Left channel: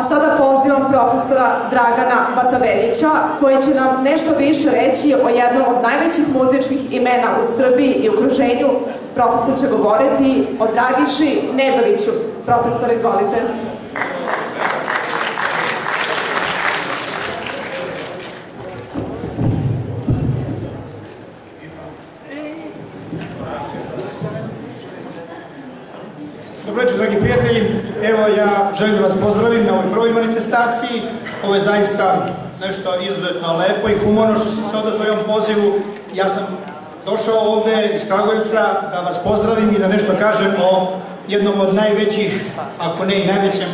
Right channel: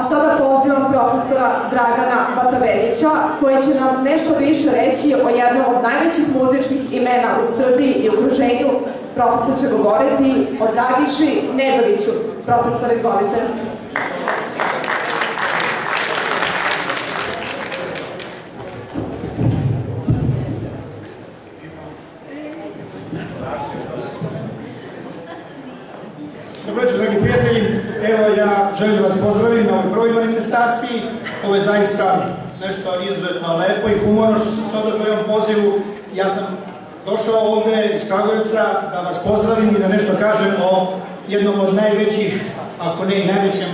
A sada pozivam profesora Dragana Bataveljića, koji će nam nešto više reći o jednom od najvećih muzičkih imena u Srbiji i okruženju. Profesor će govoriti o Dragiši Nedoviću. Profesor, izvolite. Dobro večer, dragi prijatelji. Evo, ja želim da vas pozdravim na ovoj prvoj manifestaciji. Ovo je zaista nešto izuzetno lepo i humorno što sam se odazvao ovom pozivu. Ja sam došao ovde iz Kragujevca da vas pozdravim i da nešto kažem o jednom od najvećih, ako ne i najvećem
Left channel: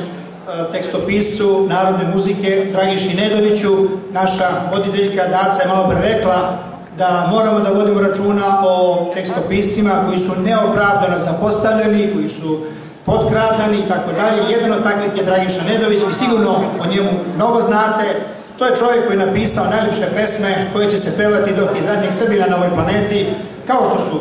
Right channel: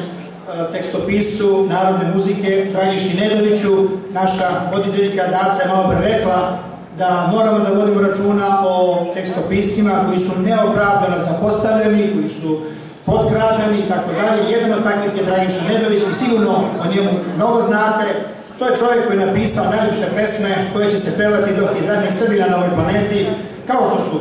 tekstopiscu narodne muzike, Dragiši Nedoviću. Naša voditeljka Daca je malo pre rekla da moramo da vodimo računa o tekstopiscima koji su neopravdano zapostavljeni, koji su potkradani i tako dalje. Jedan od takvih je Dragiša Nedović i sigurno o njemu mnogo znate. To je čovjek koji je napisao najljepše pesme koje će se pevati dok je zadnjeg Srbina na ovoj planeti, kao što su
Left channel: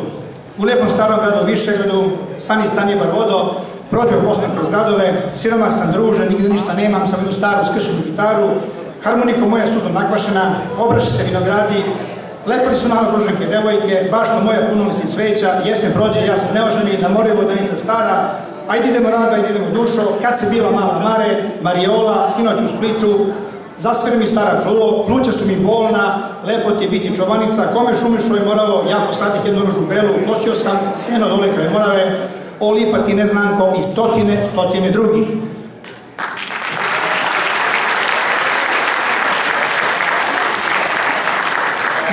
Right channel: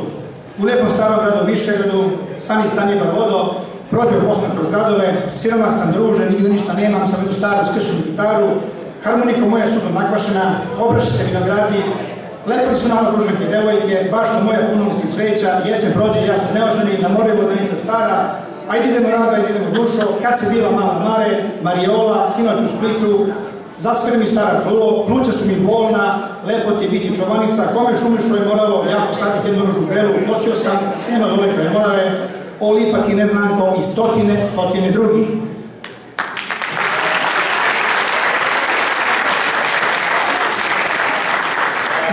U lepom starom gradu Višegradu, Stani, stani bar vodo, Prođe Bosna kroz gradove, Siroma sam druže, nigde ništa nemam, sam jednu staru skršenu gitaru, Harmoniko moja suzom nakvašena, Obraši se vinogradi, Lepili su nama ruženke devojke, bašto moja punolisni cveća, jesen prođe, ja se neoženi, na more vodanica stara, ajde idemo rada, ajde idemo dušo, kad se bila mala Mare, Mariola, sinoć u Splitu, zasveri mi stara čulo, pluća su mi bolna, lepo ti je biti čobanica, kome šumišo je moralo, ja posadih jednu ružu belu, nosio sam seno dole kraj Morave, o lipa ti neznanko i stotine drugih.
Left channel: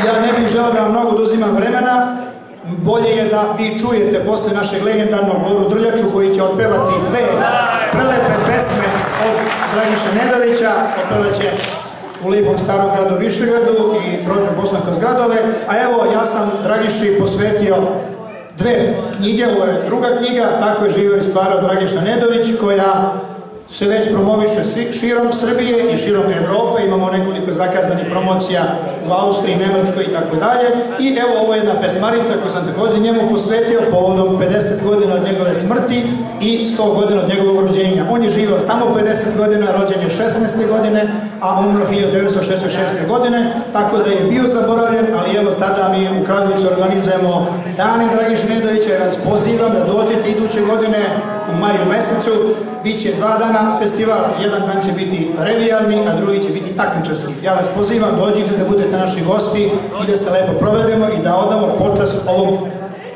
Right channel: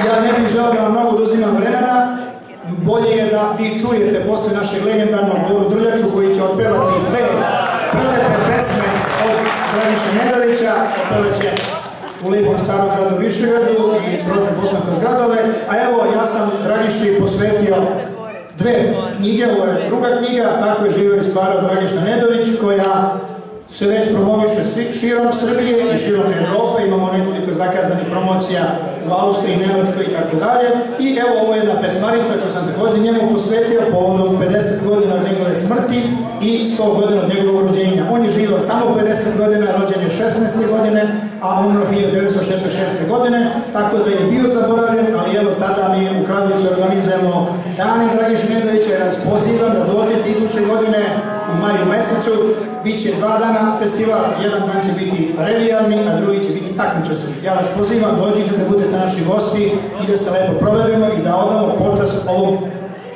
Ja ne bih želeo da vam mnogo oduzimam vremena, bolje je da vi čujete posle našeg legendarnog Boru Drljaču koji će otpevati dve prelepe pesme od Dragiše Nedovića, otpevaće U lepom starom gradu Višegradu i Prođe Bosna kroz gradove, a evo ja sam Dragiši posvetio dve knjige, ovo je druga knjiga, Tako je živeo i stvarao Dragiša Nedović, koja se već promoviše širom Srbije i širom Evrope, imamo nekoliko zakazanih promocija u Austriji, Nemačkoj i tako dalje. I evo ovo je jedna pesmarica koju sam također njemu posvetio povodom 50 godina od njegove smrti i 100 godina od njegovog rođenja. On je živio samo 50 godina, rođen je 16. godine, a umro 1966. godine, tako da je bio zaboravljen, ali evo sada mi u Kragujevcu organizujemo Dane Dragiše Nedovića, ja vas pozivam da dođete iduće godine u maju mesecu. Biće 2 dana festival, jedan dan će biti revijalni, a drugi će biti takmičarski. Ja vas pozivam, dođite da budete naši gosti i da se lepo provedemo i da odamo počast ovom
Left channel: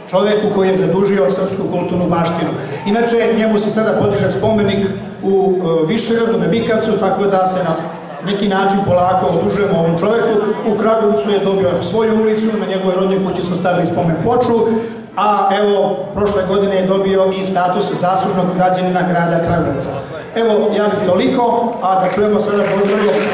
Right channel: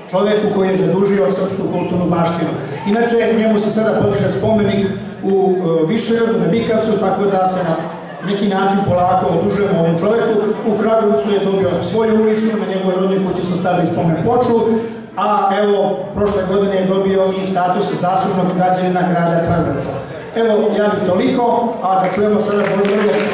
čoveku koji je zadužio srpsku kulturnu baštinu. Inače, njemu se sada podiže spomenik u Višegradu, na Bikavcu, tako da se na neki način polako odužujemo ovom čoveku. U Kragujevcu je dobio svoju ulicu, na njegovoj rodnoj kući smo stavili spomen ploču, a evo, prošle godine je dobio i status zaslužnog građanina grada Kragujevca. Evo, ja bih toliko, a da čujemo sada Boru Drljaču.